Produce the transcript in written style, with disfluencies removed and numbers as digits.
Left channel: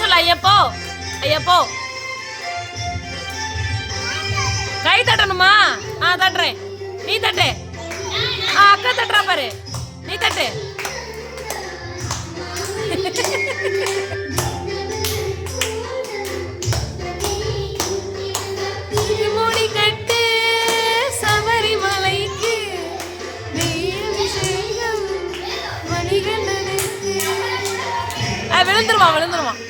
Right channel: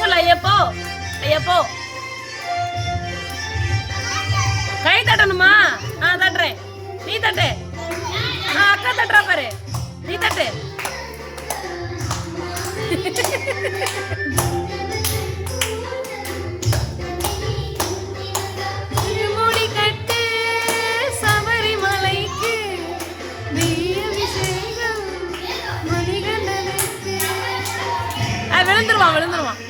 சொல்லு ஐயப்போ ஐயப்போ. கை தட்டணுமா? தட்டுறேன். நீ தட்டு. அக்கா தட்டுறா பாரு. நீ தட்டு. முடி கட்டு சபரிமலைக்கு அபிஷேகம் மணிகண்டனுக்கு. விழுந்துருவான் விழுந்துருவான்.